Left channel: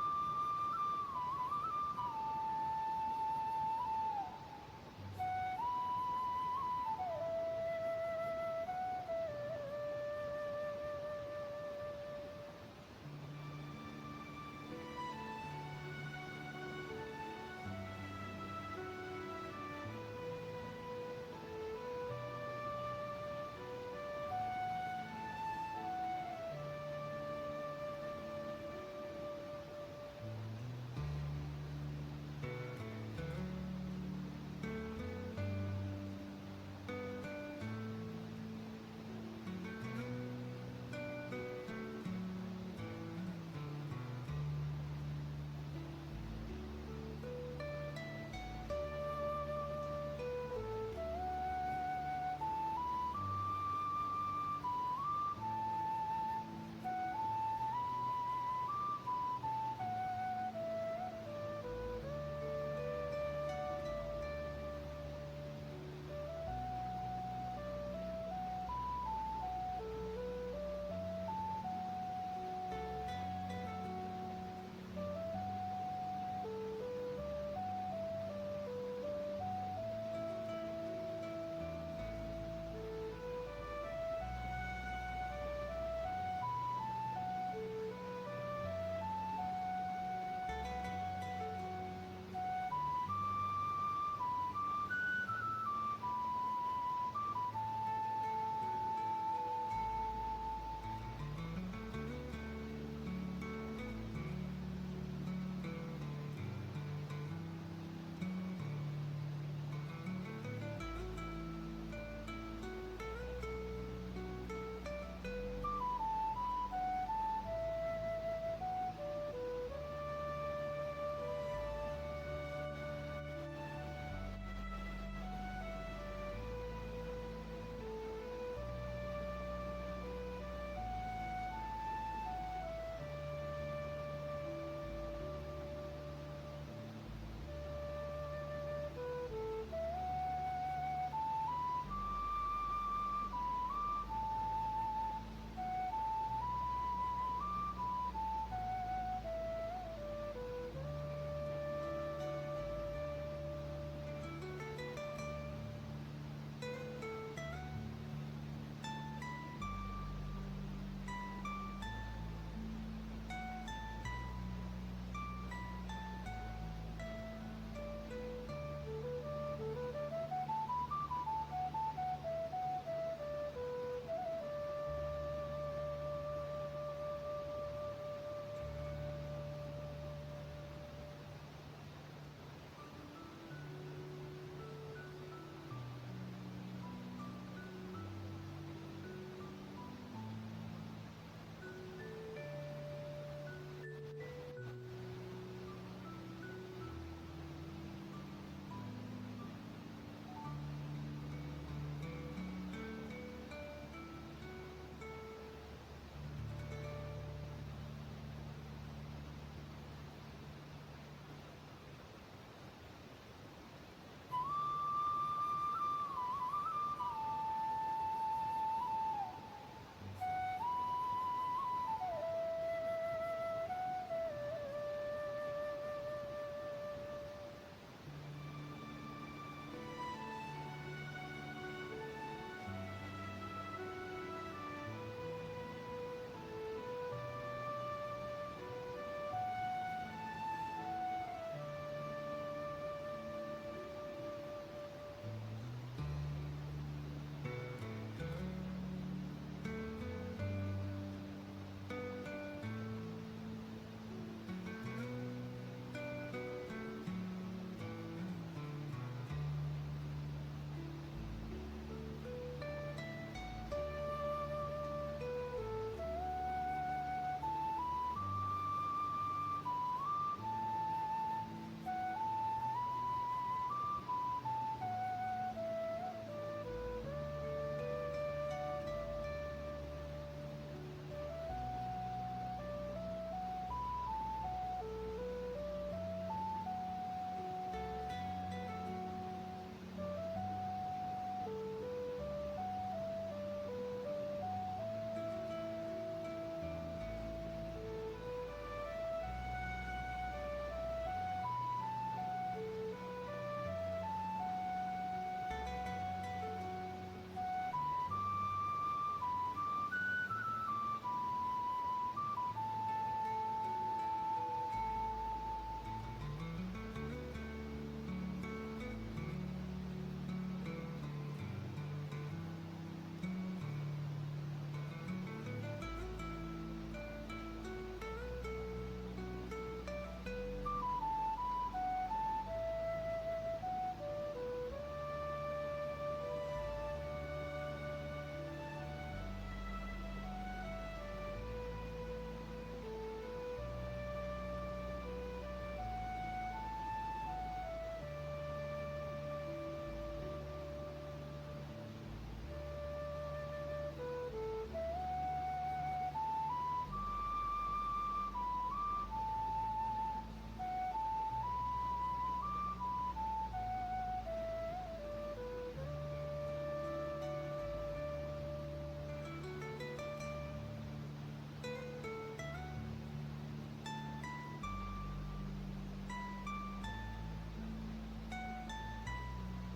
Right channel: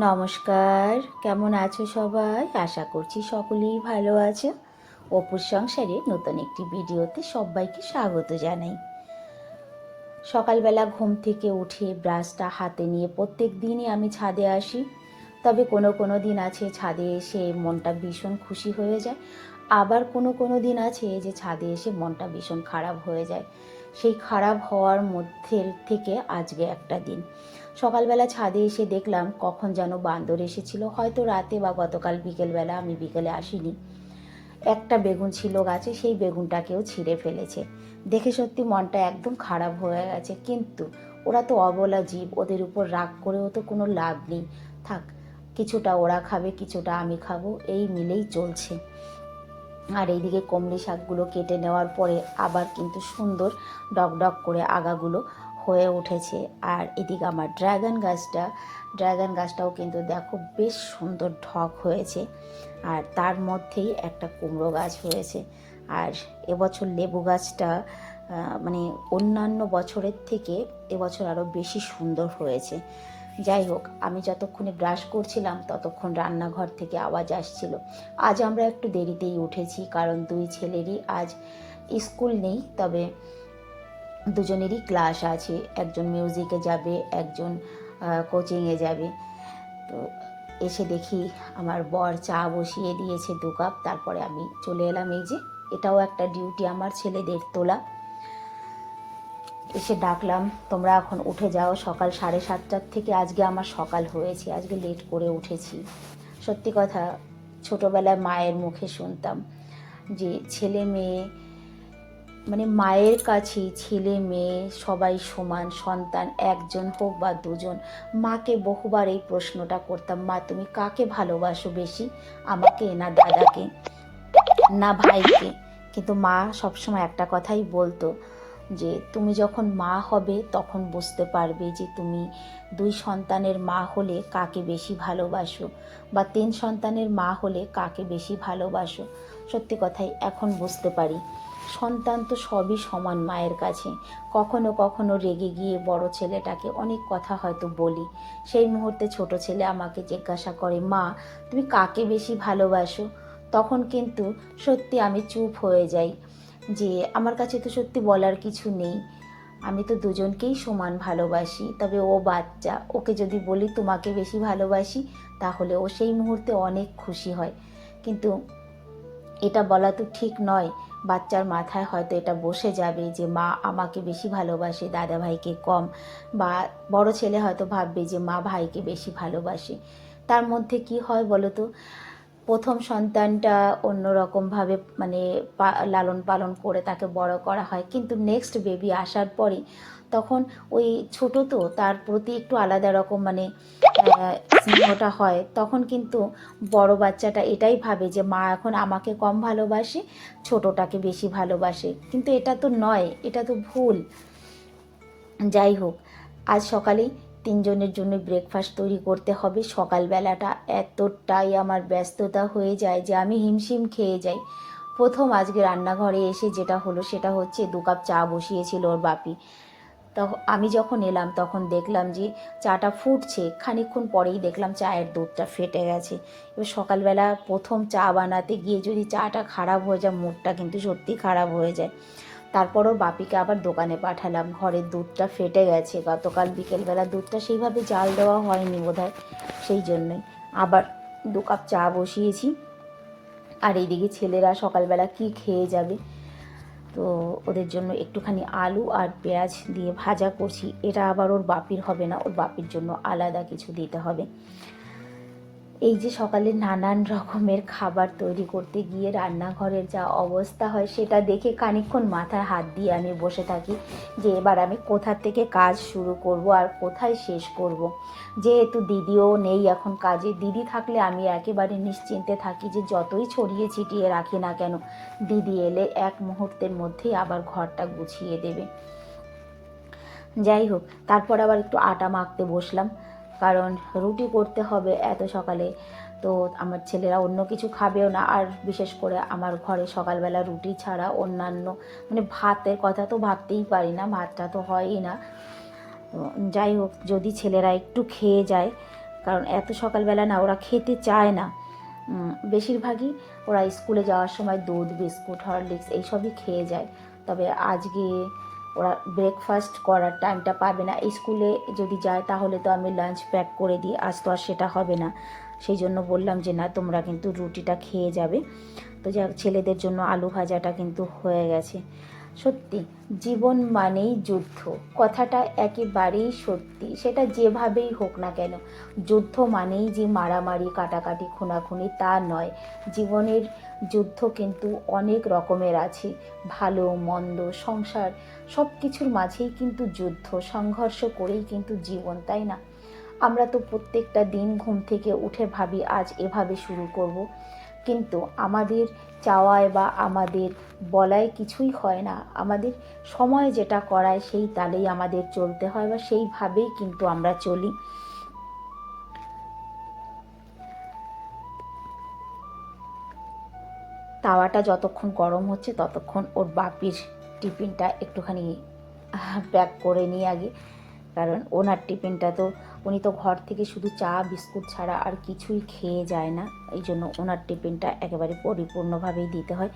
নমস্কার, কেমন আছো সবাই? আশা করছি সকলেই ভালো আছে। অপুর সংসারে নতুন একটি ভিডিওতে সবাইকে স্বাগত জানাই। সকালবেলা ঘুম থেকে উঠে ব্রাশটা হাতে নিয়ে প্রত্যেক দিনই আমি ছাদে আসি। তবে কোনো কোনো দিন আছে ছাদে এসে মনটা ভীষণ খুশি হয়ে যায়, আবার কোনো কোনো দিন আছে যে ছাদে এসে মনটা ভীষণ খারাপ হয়ে যায়। সেই খারাপ হওয়ার মধ্যে থেকে আজকে একটা দিন সকালবেলা ছাদে এসে দেখলাম কখন যেন বান্দর এসেছিল, হয়তো রাতে বা গতকাল বিকেলবেলা, আমি বিকেলে আসিনি। একটা বেগুন ছিল গাছে, সেই বেগুনটাকেও ছিঁড়ে ফেলেছে। দেখে সত্যি মনটা একদম খারাপ হয়ে গেছে, কিন্তু ওরা তো অবলা জীব, ওদের উপর রাগ করেও তো কোনো লাভ নেই। থাক, কিছুটা ওরা খাবে, কিছুটা আমি খাবো, এই মিলেই চলছে। আর এইদিকে কমলি শাকগুলো কেটে নেওয়ার পরে আবার কিন্তু সুন্দর ডগডগ করে আগাগুলো হয়ে উঠেছে। আর এদিকে আমার ড্রাগন গাছটাও কিন্তু দেখো বেশ সুন্দর ঢক হয়েছে। আর তার মধ্যেই একটা কুমড়ো গাছ হয়েছে। আর এবছর লেবু গাছটা মানে অন্যান্য বছরের থেকে এবছর আরও বেশি সুন্দর হয়েছে। যাই হোক, আমি যতক্ষণে ব্রাশ করছিলাম ততক্ষণ রান্নাঘর থেকে আওয়াজ আসছিল। আজ আমরা একটু দেরিতেই উঠেছি, কারণ দুই ছেলেরই আজ স্কুল নেই, তবে দুজনেরই ক্লাস আছে। একজন মিউজিকে যাবে, একজন কোচিংয়ে যাবে। তো এসে দেখি আমার বর চা বসিয়ে দিয়েছে 2 কাপ। তারপরে আমি চলে এলাম, এই যে এটাও একটা ডিউটি আমার, ছেলেদের তোলা। এসে ডাকলাম, তোমরা এখন উঠে যাও। সকাল 7:30টার থেকে আজকে আমার সকাল হয়েছে, আজকে লেট করে উঠেছি। সত্যি কথা, ছোটোবেলায় মায়ের মুখে শুনতাম যে ছেলে মেয়ে মানে মায়ের কাছে ছেলে মেয়ে সবাই সমান, সন্তান একজন হোক বা দুজন। মাকে বহুবার এই প্রশ্নটা করতাম, মা তুমি কাকে ভালোবাসো বেশি, আমাকে না দাদাকে না ভাইকে? কিন্তু মা সবসময় একটা কথাই বলতো যে তুমি যখন মা হবে তখন বুঝতে পারবে যে তুমি 2 সন্তানের মা হলে কাকে বেশি ভালোবাসো, বা 3 সন্তানের মা হলে কাকে বেশি ভালোবাসো। সত্যি কথাই এখন বুঝতে পারি, সন্তান তো সবই সমান মায়ের কাছে। কখনো কখনো রেগে গিয়ে বড় ছেলেটাকে অনেক কথা হয়তো বলি, সেই মুহূর্তে ছোট ছেলে আমাকে জিজ্ঞাসা করে, মা তুমি কাকে বেশি ভালোবাসো? তখন কিন্তু সত্যি আমি চুপ হয়ে যাই, যে আমার কাছে তো সত্যি বলার কিছু নেই। আমি তো দুজনকেই সমান ভালোবাসি, তবে ও বাচ্চা, ওকে যদি বলি তোমাকে বেশি ভালোবাসি, তাহলে ও সেই মুহূর্তে অনেক খুশি হয়। কিন্তু এটা বলা তো ঠিক নয়। বাচ্চার মাথায় হয়তো এটা বসে যাবে যে মা আমাকে বেশি ভালোবাসে, দাদা ভাইকে কম। বা বড় ছেলে হয়তো ভাববে যে মা ভাইকে বেশি ভালোবাসে। তার মধ্যে কি হয় বলো তো, প্রথম সন্তানটা অন্যরকমভাবে মানে লালন পালন করে তাকে বড় করা হয়, কিন্তু নেক্সট বেবি আসার পরে তখন ওই ছোট তো, তার প্রতি একটু আলাদা রকম মানে স্নেহটা হয়। তখন কিন্তু বড় বাচ্চাটা এটাই ভাবে যে মা এখন আমাকে কম ভালোবাসে, ছোটটাকে বেশি ভালোবাসে, কিন্তু এটা তো নয়, এটা তো ভুল। যাই হোক, আজ সকালেই 3জনের জন্য ব্রেকফাস্ট তৈরি করতে হবে। সকালবেলাটা এতটাই আমার ব্যস্ততা হয়ে যায় যে আমি হিমশিম খেয়ে যাই। প্রথম আজকে রান্নাঘরে এসে যেটা হলো সেটা হচ্ছে 2 কাপ চা বসিয়েছিল ওর বাপি। তখন আমি যখন এলাম তখন দেখলাম যে চাটা ফুটছে, খানিকক্ষণ পরেই দেখলাম চায়ের দুধটা ফেটে গেছে। এবার সকালবেলা প্রথম চা বানাতে গিয়ে যদি চাটা খারাপ হয়ে যায়, মুখটা কিন্তু সত্যি খারাপ হয়ে যায়। তারপরও বাপিকে আবার দোকানে পাঠালাম, ঘরের দুধটা ফেটে গেছে, গতকাল বিকেলবেলা দুধটা সেইভাবে জাল দেওয়া হয়নি বোধহয়, সেই জন্যই আবার 2 কাপ চা বসিয়েছি। আর এইদিকে ছেলেরা সকালবেলা কি খেয়ে যাবে, তো ওদের জন্য একটুখানি আলু আর পেঁয়াজ দিয়ে ভাজা করছি। এটা আবার ওর বাপির হবে না, ওর বাপির জন্য আলাদা কিছু দিতে হবে। এই যে সকালে নানান রকমের খাবার তৈরি করতে গিয়ে রান্নাঘরের যা অবস্থা হয়, সেটা দেখে খানিকক্ষণ মাথায় হাত দিয়ে আমি বসে থাকি যে এবার আমি কোথা থেকে কাজ শুরু করব আর কোথায় শেষ করব। যেহেতু দিদিও নেই এখন কাজে, দিদি থাকলে আমি একেবারে নিশ্চিন্তে থাকি যে যতই ছড়িয়ে ছিটিয়ে রাখি না কেন, দিদি এলে এক মুহূর্তের মধ্যেই আবার ঘরটা গুছিয়ে দেবে। যাই হোক, তারপর আবার একটু আটা মাখতে বসলাম, কারণ রুটি করতে হবে এত সকালে। তো আমার ছেলেরা অন্য কিছু খাবেও না, আর বিশেষ করে আমার ঘরে সকালবেলা রুটি ছাড়া অন্যান্য মানে ভাতের কথা তো ভাবতেই পারি না, ভাতটা তো হয়ই না। তো যাই হোক, যদি ছেলেরা একটু খেয়ে যায় কারণ এত সকালবেলা না ওরা খেতে চায় না। বেশিরভাগই ওরা স্কুলে যাওয়ার সময় দুধ, বিস্কুট, হরলিক্স এইসবই খেয়ে যায়। তবে আজকে ওরা ব্রেকফাস্ট করার টাইমটা পাবে না। স্কুলে যদি যায় তাহলে তো আমি লাঞ্চ প্যাক করে দিই, আজ তো আর সেটা হবে না। সেই জন্য বললাম যে না, তোমরা কিন্তু রুটিটা খেয়ে যাবে। তো যাক, ছেলেদের জন্য আলু ভাজাটা কিন্তু হয়ে গেছে। সত্যি জীবন মানেই যুদ্ধ, কথাটা একেবারেই সত্যি। সেটা যেভাবেই হোক না কেন, যুদ্ধ মানেই যে মারামারি, কাটাকাটি, খুনাখুনি তা নয়। জীবনের যুদ্ধ কিন্তু অনেক রকমের আছে। ভালো মন্দ, সংসার, সব কিছুর মাঝেই কিন্তু যুদ্ধ, সংঘর্ষ করেই কিন্তু জীবন, তাই না? আমরা তো প্রত্যেকটা দিন ঘুম থেকে উঠে ভাবি আজ এভাবে শুরু করব, কিন্তু আমাদের চাওয়ায় বা আমাদের বলায় কিছুই হয় না। আমাদের সময় যেটা করায় সেই তালেই আমাদের চলতে হয়, বা সেইভাবেই কিন্তু আমরা চলি। তাওয়াটা যতক্ষণ গরম হচ্ছে ততক্ষণ ওর বাপির টিফিনটা একটুখানি প্যাক করে নিই আগে। কারণ ওনার টিফিনটা তো, উনি তো ঘর থেকে শুধু চা বিস্কুট ছাড়া আর কিছুই খেয়ে যায় না। এই জন্য ওনার টিফিনটা একেবারে পরিপূর্ণভাবেই দিতে হয়।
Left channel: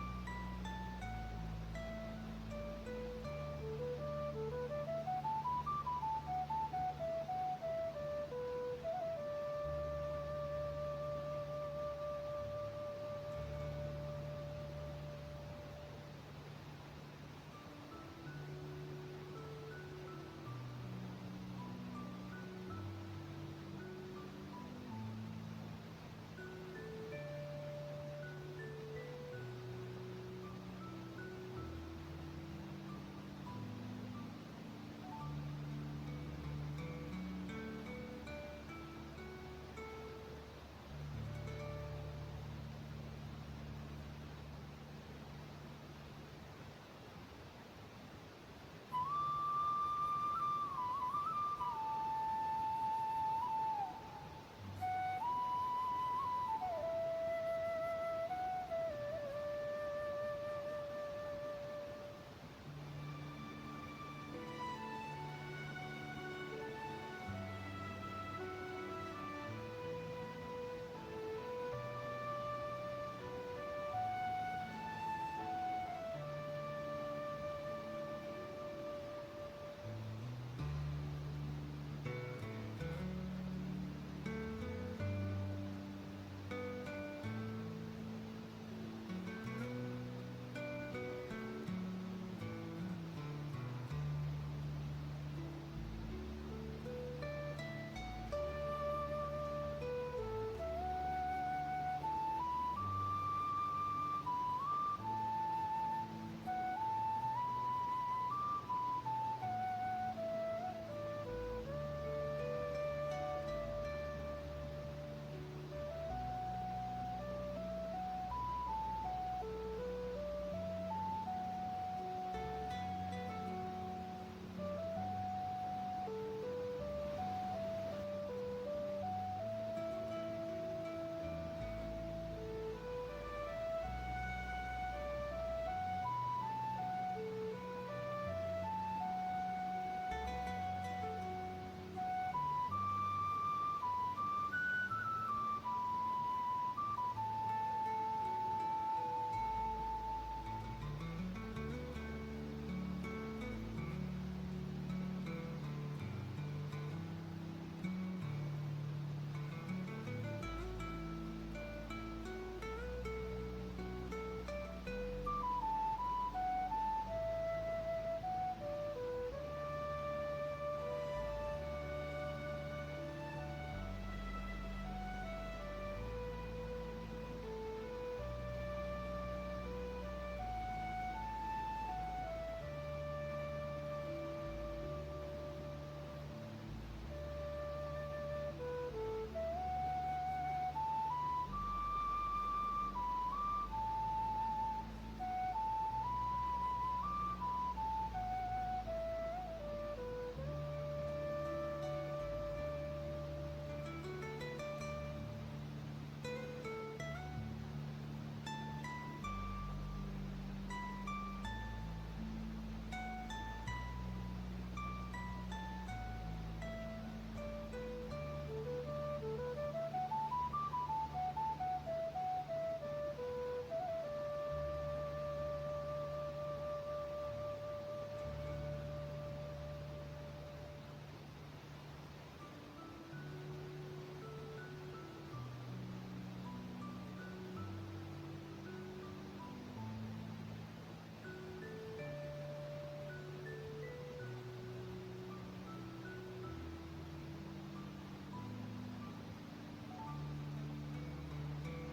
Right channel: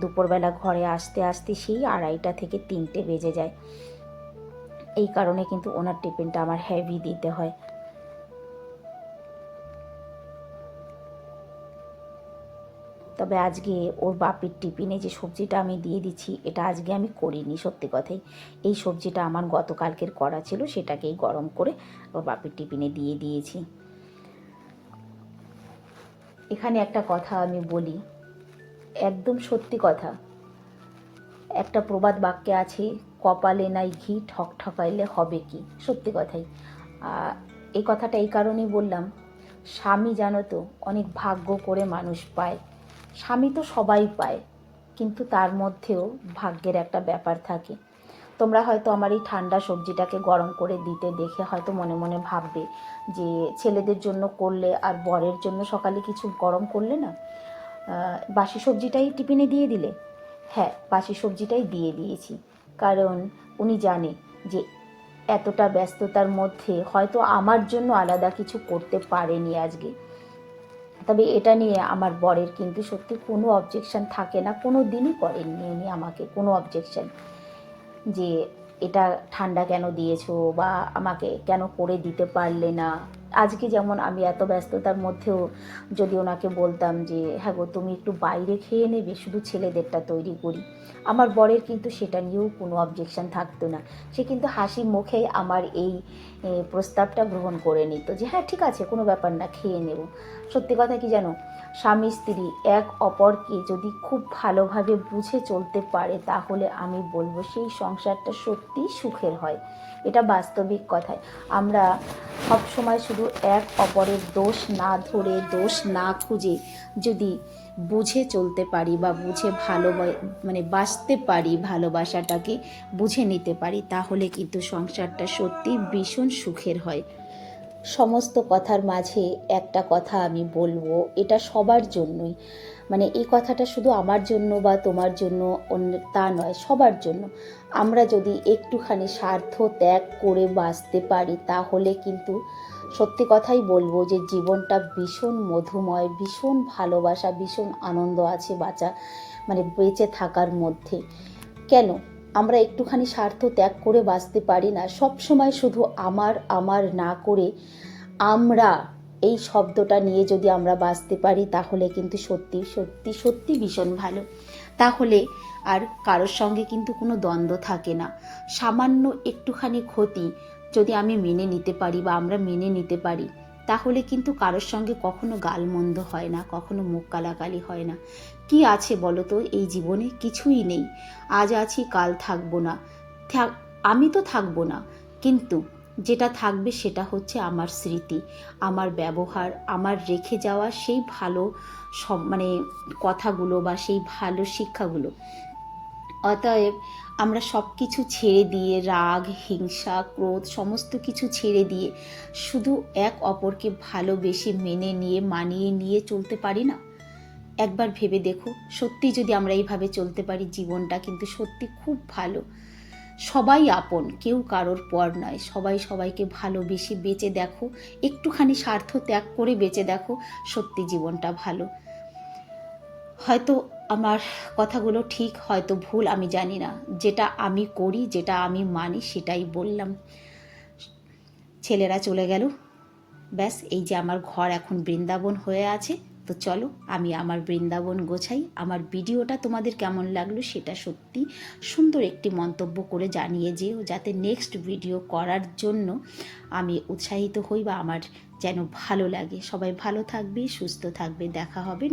দুপুরবেলা ঘরে আসতে আসতে সেই 2:30 থেকে 3টে বেজে যায়। এই কারণে কিন্তু ওনার টিফিনটা আমার হেভি দিতে হয়। তবে আজকে ওর বাপির টিফিনে যে সবজিটা আমি দিয়ে দিচ্ছি, এটা আজকে আমি করিনি, সত্যি কথাই। এই সবজিটা আমার গতকালকের করা ছিল, সেটাকেই গরম করে ওর বাপির টিফিনে দিয়ে দিয়েছি। এখানে একটা কথা আমি বলি, একদম সত্যি কথা। একটা প্রবাদ বাক্যে আছে, কপালে নাই ঘি, ঠক ঠকাইলে হবে কি। সত্যি কথাই। এই কথাটা এই কারণেই বললাম, স্বামী জানো তো অনেক ভাগ্য করে মানুষ পায়। স্বামী তো সবাই পায়, কিন্তু তার মধ্যেও ভাগ্যের একটা ব্যাপার থাকে। তোমরা হয়তো আমার এই ঠান্ডা সবজিটাকে গরম করে দিতে দেখে হয়তো মনে মনে ভাববে যে ছেলেদের জন্য করলে আর বরের জন্য সকালে কিছু গরম করলে না, বাসি সবজিটাই টিফিনে দিয়ে দিলে। হ্যাঁ, বাসি সবজিটাই দিয়ে দিয়েছি, কারণ উনি জানে যে এতটা ব্যস্ততার মধ্যে হয়তো আমার জন্য আলাদা কিছু করতে পারেনি আজকে। তবে এটা নিয়ে আমার বরের কিন্তু সত্যি কোনো অবজেকশন থাকে না, কোনো দিনই করেননি উনি আমাকে কোনো অবজেকশন, যে এটা ঠান্ডা কেন দিয়েছো বা আমাকে কেন করে দিতে পারলে না। আজকে যেমন আমি এত ব্যস্ততার মধ্যেও যদি ওনাকে বলতাম যে হ্যাঁ গো, তুমি একটু বাইরে খেয়ে নেবে, শুধু ছেলেদেরটা তৈরি করি, আমার বরের কিন্তু সেটা নিয়েও কোনো অবজেকশন থাকতো না। সে কিন্তু হাসি মুখেই আমার এই প্রস্তাবটা গ্রহণ করে নিত, যে হ্যাঁ ঠিক আছে, কোনো ব্যাপার না, খেয়ে নেব। সত্যি কথা কি জানো, স্বামী স্ত্রী এক অপরকে যদি খুব ভালোভাবে বুঝে চলতে পারে, তাহলে আমি বলবো সেই সংসারটা সত্যিই সুখের হয়। এটা বাস্তবিক কথায়। আমরা সবসময় শুধু এক অপরের দোষ না ধরে, দোষ না খুঁজে যদি বুঝে চলতে পারি বা বুঝে বাঁচতে পারি, ভালোবাসাটাকে বুঝে নিতে পারি, তাহলে কিন্তু সংসারটা সত্যি ভীষণ সুখের হয়। সমস্ত কথার মাঝে একটা কথা আমি বলবো, এটা সবার জন্যই, এই কথাটা শুধু আমার জন্য বা তোমার জন্য তা নয়, সবার জন্য। আমরা যদি একটুখানি স্বার্থ ত্যাগ করে বাঁচতে পারি, তাহলে কিন্তু সত্যি কথাই বলবো যে জীবনটা ভীষণ মধুময়, ভীষণ ভালোবাসা, ভীষণ আনন্দ আছে বেঁচে থাকার মধ্যে। কেন আমরা একটুখানি স্বার্থ ত্যাগ করে বাঁচতে পারি না? সব সময় শুধু আমার আমার না করে আমরা, এই শব্দটা নিয়ে যদি আমরা বাঁচতে পারি, তাহলে কিন্তু সত্যি সত্যি সত্যি ভীষণ ভালো। তাহলে আর কারোর সঙ্গে কিন্তু কোনো দ্বন্দ্ব থাকে না। সামান্য একটুখানি ক্ষতি যদি আমি মেনে নিতে পারি বা আমরা মেনে নিতে পারি, তাহলে কিন্তু কারোর সঙ্গে কখনো গালমন্দ হয় না, কখনো মুখ কালাকালি হয় না। কি আছে বলো তো এই জীবনে? কিছুই নেই। আজ আছি, কাল থাকবো না। আমি তো থাকবো না, কিন্তু যেটা থাকবে সেটা হচ্ছে আমার স্মৃতি, আমার ব্যবহার, আমার রেখে যাওয়া সেই ভালো সব কথাগুলো বা সেই ভালো শিক্ষাগুলো। অতএব আমরা সব কিছু ছেড়ে দিয়ে, রাগ, হিংসা, ক্রোধ সমস্ত কিছু ছেড়ে দিয়ে শুধু এক অপরকে ভালোবেসে মেনে নিয়ে, মানিয়ে নিয়ে চলতে পারি না? একবার ভেবে দেখো, সত্যি যদি আমরা এইভাবে চলতে পারি, জীবনটা কিন্তু সত্যি খুব ভালো। সবাই আপন, কেউ কারোর পর নয়, সবাই সবাইকে ভালোবেসে বেঁচে দেখো, একটুখানি স্বার্থ ত্যাগ করে বেঁচে দেখো, সত্যি জীবনটা ভালো। হয়তো আমার কথাগুলো ঠিক, হয়তো ভুল, আমি জানি না। যেটা আমি করি, যেটা আমি মানি, সেটাই বললাম। ছেলেরা চলে গেল, ব্যাস এই যে আমার ঘর এখন বৃন্দাবন হয়ে আছে। তো চলো আমি আমার বৃন্দাবন গোছাই। আমার ভিডিওটা তোমাদের কেমন লাগলো সেটা সত্যি সুন্দর একটি মন্তব্য করে জানিয়ে যেও, যাতে নেক্সট ভিডিও করার জন্য আমি উৎসাহিত হই বা আমার যেন ভালো লাগে। সবাই ভালো থাকবে, সুস্থ থাকবে, দেখা হবে।